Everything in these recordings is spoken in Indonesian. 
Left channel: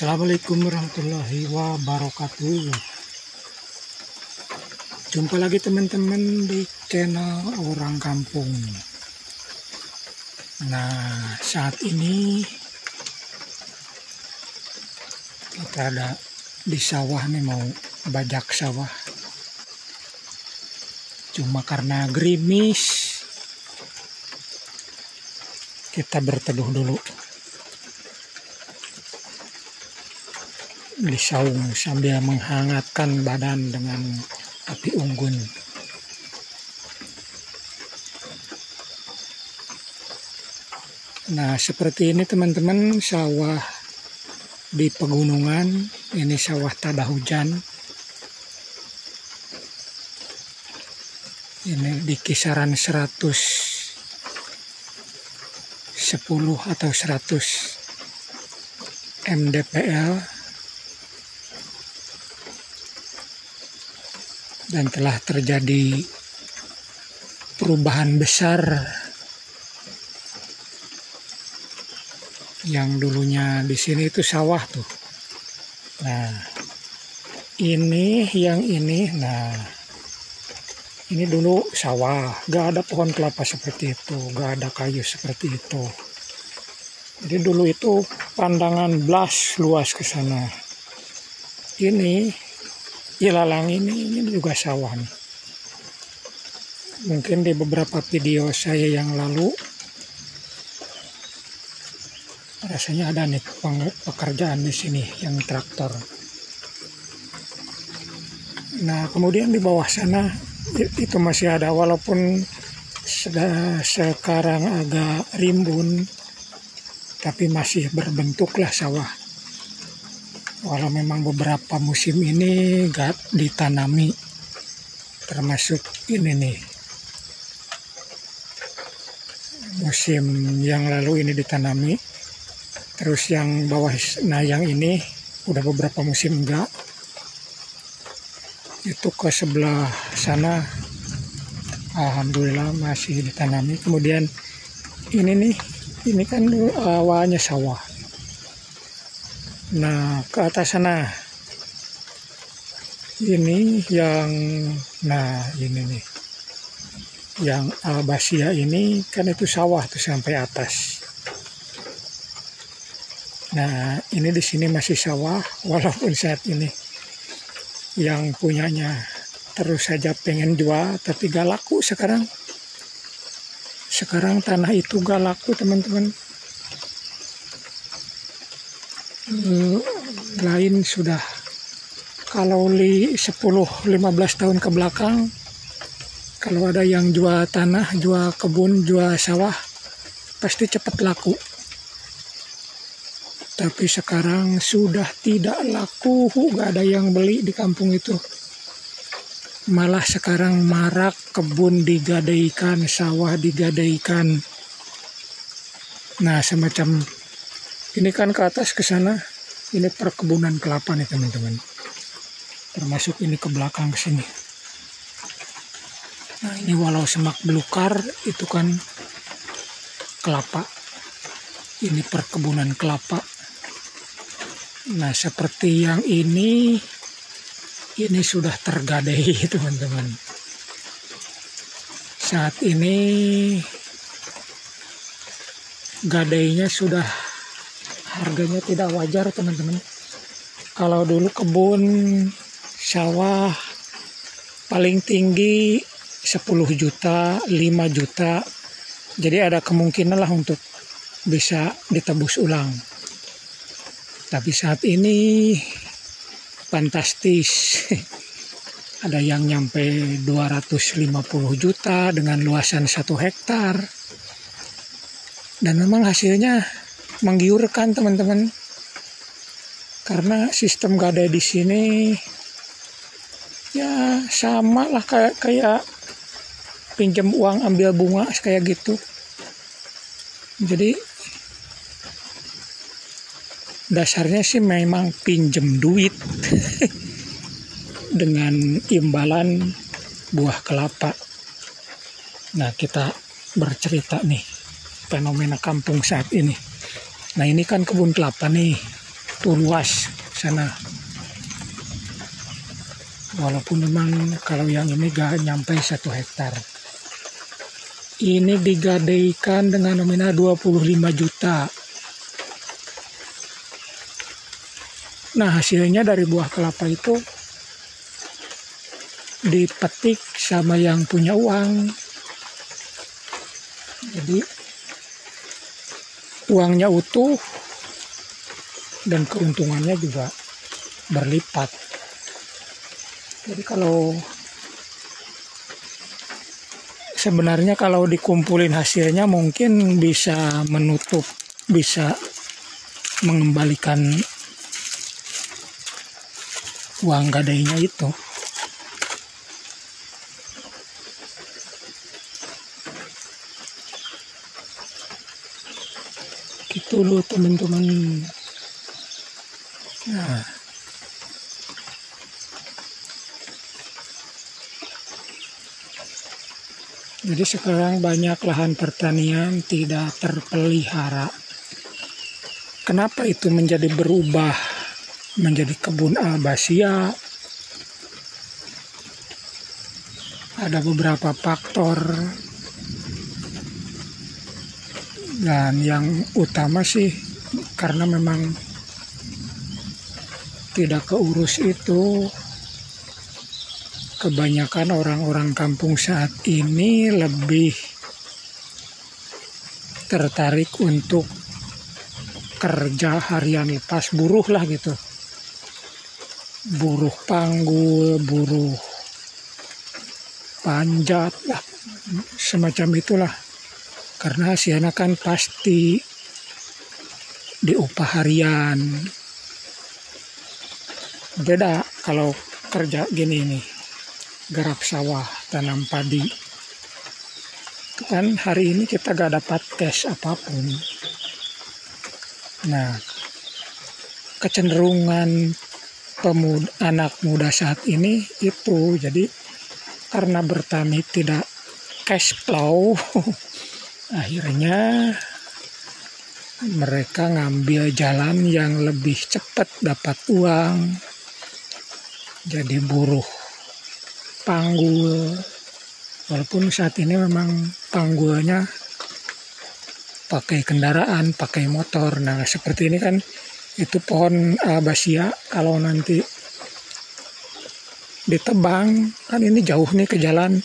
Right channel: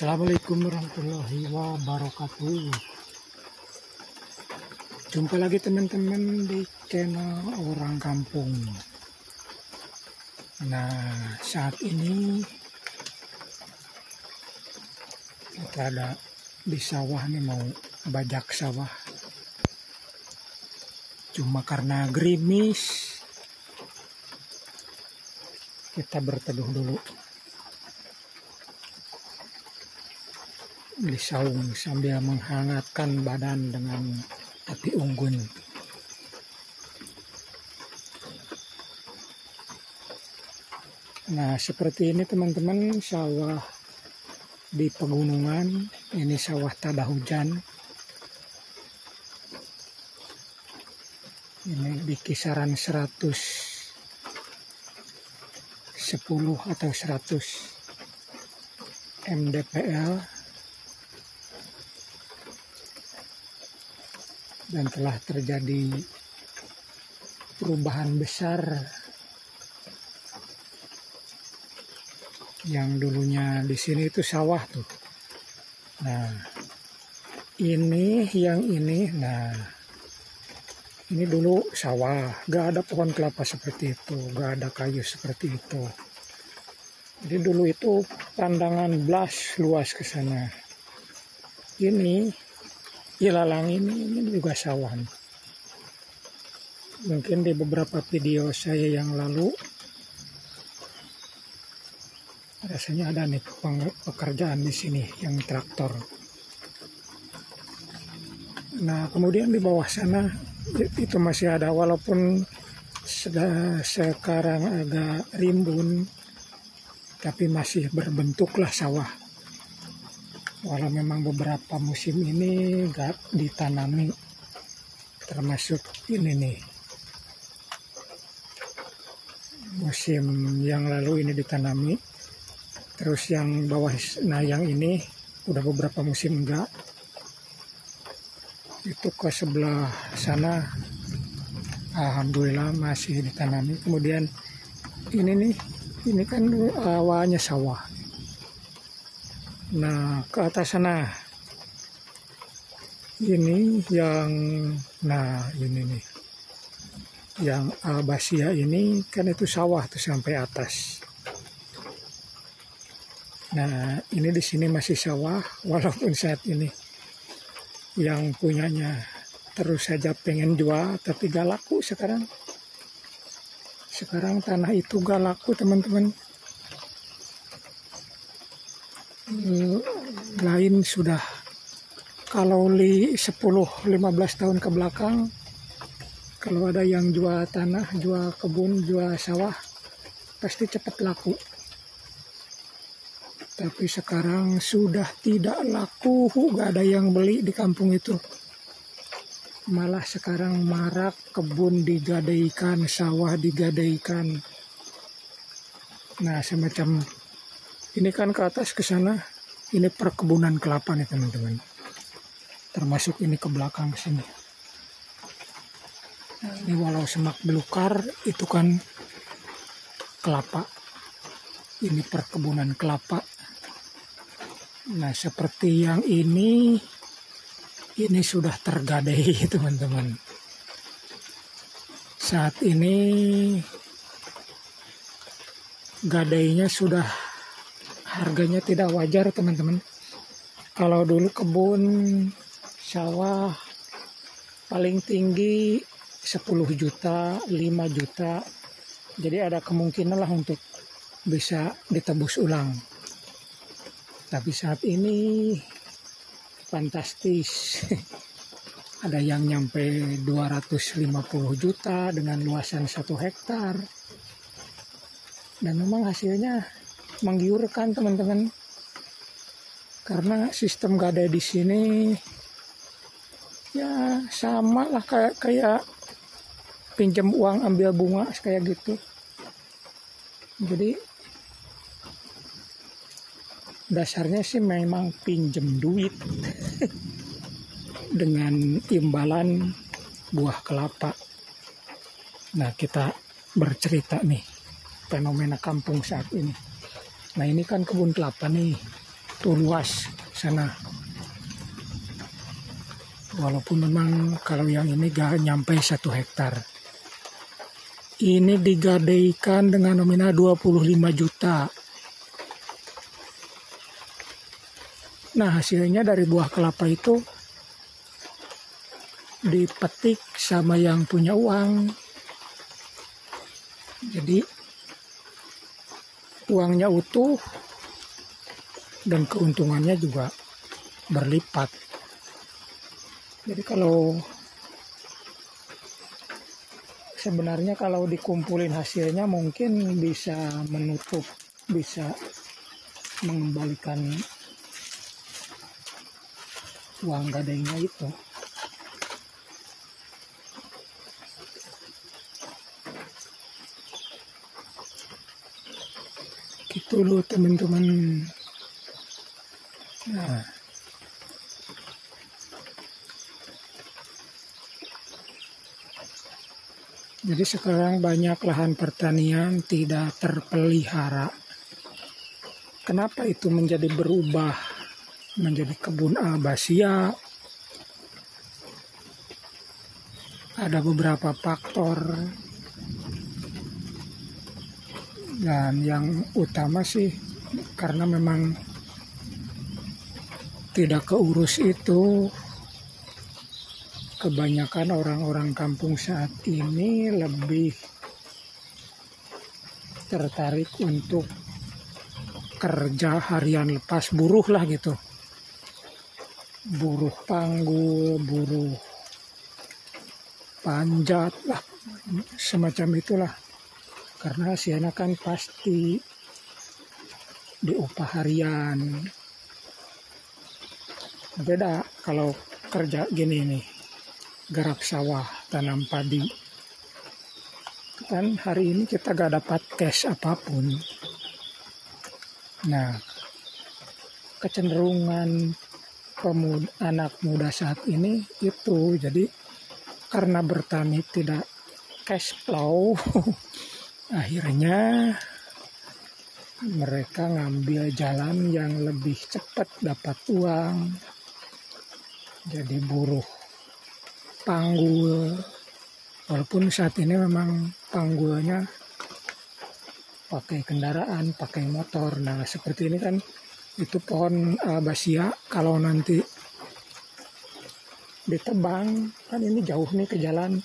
Assalamualaikum warahmatullahi wabarakatuh. Jumpa lagi teman-teman di channel Orang Kampung. Nah, saat ini kita ada di sawah nih, mau bajak sawah. Cuma karena gerimis, kita berteduh dulu di saung sambil menghangatkan badan dengan api unggun. Nah, seperti ini teman-teman, sawah di pegunungan. Ini sawah tada hujan. Ini di kisaran 110 atau 100 mdpl. Dan telah terjadi perubahan besar. Yang dulunya di sini itu sawah tuh. Nah, ini yang ini. Nah, ini dulu sawah, gak ada pohon kelapa seperti itu, gak ada kayu seperti itu. Jadi dulu itu pandangan blas luas ke sana. Ini ilalang ini juga sawah nih. Mungkin di beberapa video saya yang lalu rasanya ada nih pekerjaan di sini yang traktor. Nah, kemudian di bawah sana itu masih ada, walaupun sekarang agak rimbun, tapi masih berbentuklah sawah. Walau memang beberapa musim ini gak ditanami, termasuk ini nih. Musim yang lalu ini ditanami, terus yang bawah, nah yang ini udah beberapa musim enggak. Itu ke sebelah sana, alhamdulillah masih ditanami. Kemudian ini nih, ini kan awalnya sawah. Nah, ke atas sana ini yang, nah ini nih yang Albasia ini kan itu sawah tuh sampai atas. Nah, ini di sini masih sawah, walaupun saat ini yang punyanya terus saja pengen jual, tapi gak laku sekarang. Sekarang tanah itu gak laku teman-teman. Lain sudah, kalau 10-15 tahun ke belakang, kalau ada yang jual tanah, jual kebun, jual sawah, pasti cepat laku. Tapi sekarang sudah tidak laku, gak ada yang beli di kampung itu. Malah sekarang marak kebun digadaikan, sawah digadaikan. Nah, semacam ini kan ke atas ke sana, ini perkebunan kelapa nih teman-teman. Termasuk ini ke belakang ke sini. Nah, ini walau semak belukar, itu kan kelapa. Ini perkebunan kelapa. Nah, seperti yang ini sudah tergadai teman-teman. Saat ini gadainya sudah, harganya tidak wajar teman-teman. Kalau dulu kebun sawah paling tinggi 10 juta, 5 juta. Jadi ada kemungkinan lah untuk bisa ditebus ulang. Tapi saat ini fantastis. Ada yang nyampe 250 juta dengan luasan 1 hektar. Dan memang hasilnya menggiurkan teman-teman, karena sistem gadai di sini ya sama lah kayak pinjam uang ambil bunga kayak gitu. Jadi dasarnya sih memang pinjam duit dengan imbalan buah kelapa. Nah, kita bercerita nih fenomena kampung saat ini. Nah, ini kan kebun kelapa nih. begitu luas sana. Walaupun memang kalau yang ini gak nyampe 1 hektar. Ini digadaikan dengan nominal 25 juta. Nah, hasilnya dari buah kelapa itu dipetik sama yang punya uang. Jadi uangnya utuh dan keuntungannya juga berlipat. Jadi sebenarnya kalau dikumpulin hasilnya mungkin bisa menutup, bisa mengembalikan uang gadainya itu. Gitu loh teman-teman. Nah, jadi sekarang banyak lahan pertanian tidak terpelihara. Kenapa itu menjadi berubah menjadi kebun albasia? Ada beberapa faktor, dan yang utama sih karena memang tidak keurus itu. Kebanyakan orang-orang kampung saat ini lebih tertarik untuk kerja harian lepas, buruh lah gitu. Buruh panggul, buruh panjat lah, semacam itulah. Karena hasilnya kan pasti diupah harian. Beda kalau kerja gini nih, garap sawah, tanam padi. Itu kan hari ini kita gak dapat cash apapun. Nah, kecenderungan anak muda saat ini itu, jadi karena bertani tidak cash flow, akhirnya mereka ngambil jalan yang lebih cepat dapat uang. Jadi buruh panggul, walaupun saat ini memang panggulnya pakai kendaraan, pakai motor. Nah, seperti ini kan, itu pohon albasia, kalau nanti ditebang, kan ini jauh nih ke jalan.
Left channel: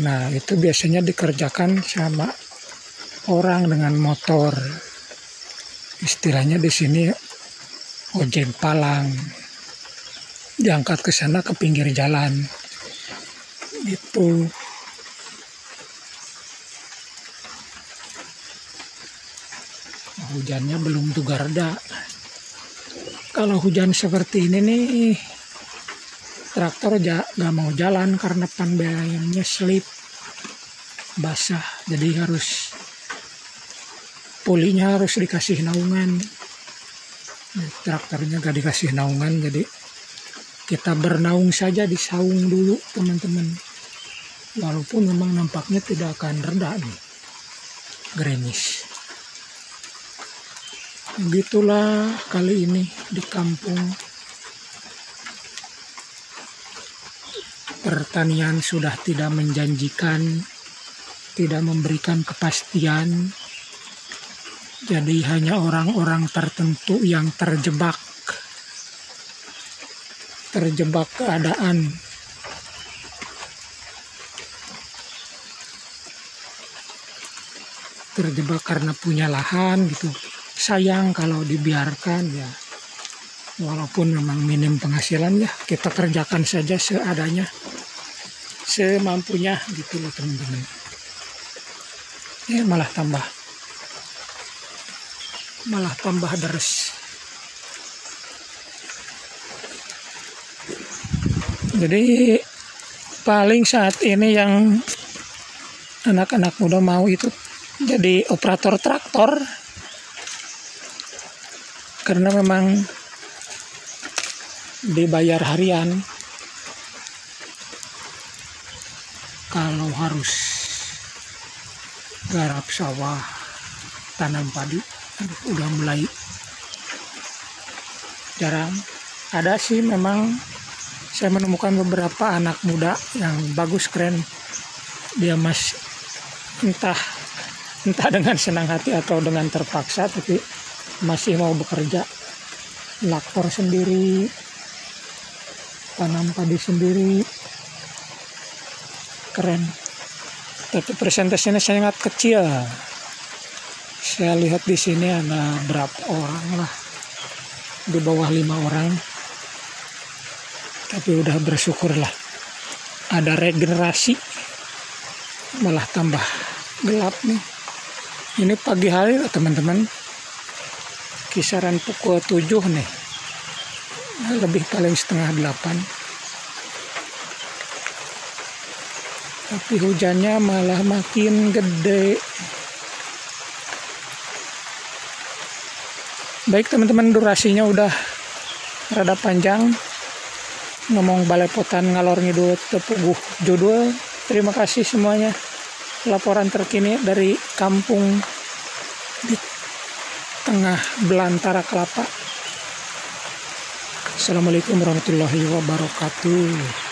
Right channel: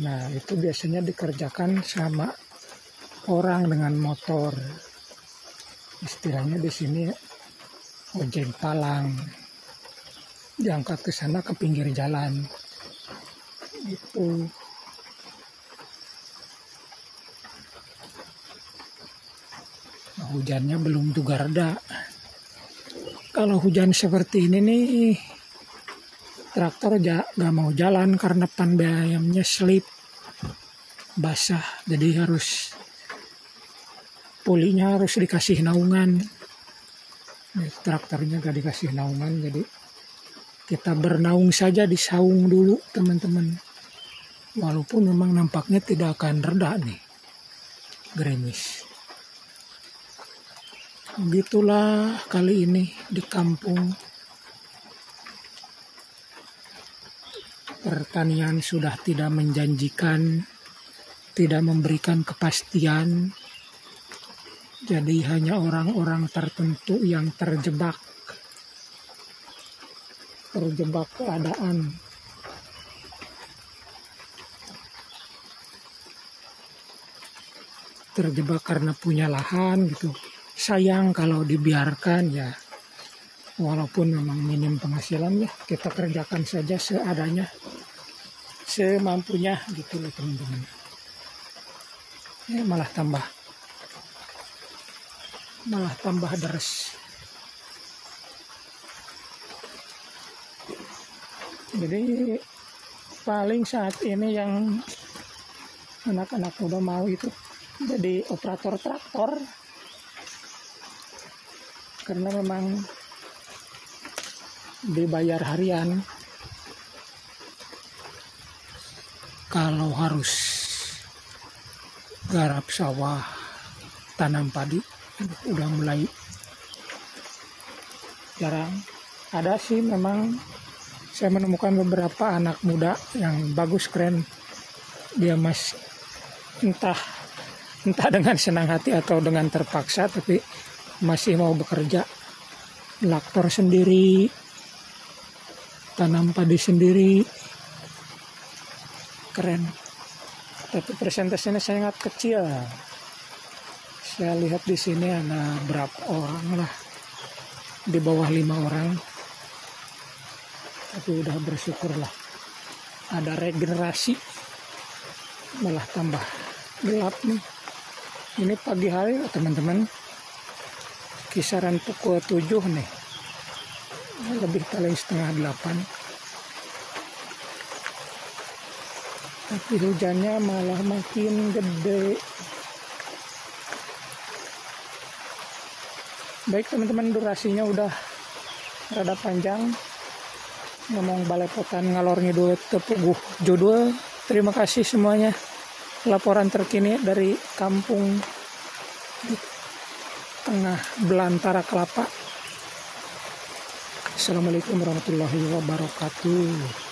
Nah, itu biasanya dikerjakan sama orang dengan motor. Istilahnya di sini ojek palang. Diangkat ke sana ke pinggir jalan. Gitu. Hujannya belum juga reda. Kalau hujan seperti ini nih, traktor gak mau jalan karena pandainya slip, basah. Jadi pulinya harus dikasih naungan. Traktornya gak dikasih naungan, jadi kita bernaung saja di saung dulu teman-teman. Walaupun memang nampaknya tidak akan reda nih, gerimis. Begitulah kali ini di kampung. Pertanian sudah tidak menjanjikan, tidak memberikan kepastian. Jadi hanya orang-orang tertentu yang terjebak keadaan. Terjebak karena punya lahan gitu. Sayang kalau dibiarkan ya. Walaupun memang minim penghasilan ya, kita kerjakan saja seadanya, semampunya gitu loh teman-teman. Malah tambah deres. Jadi paling saat ini yang anak-anak muda mau itu jadi operator traktor, karena memang dibayar harian. Kalau harus garap sawah, tanam padi, udah mulai jarang. Ada sih memang, saya menemukan beberapa anak muda yang bagus, keren. Dia masih entah dengan senang hati atau dengan terpaksa, tapi masih mau bekerja, traktor sendiri, tanam padi sendiri, keren. Tapi persentasenya sangat kecil. Saya lihat di sini ada berapa orang lah, di bawah 5 orang. Tapi udah bersyukur lah, ada regenerasi, malah tambah gelap nih. Ini pagi hari teman-teman, kisaran pukul 7 nih, lebih paling setengah 8. Tapi hujannya malah makin gede. Baik teman-teman, durasinya udah rada panjang. Ngomong balepotan ngalor ngidul tepuguh judul. Terima kasih semuanya. Laporan terkini dari kampung di tengah belantara kelapa. Assalamualaikum warahmatullahi wabarakatuh.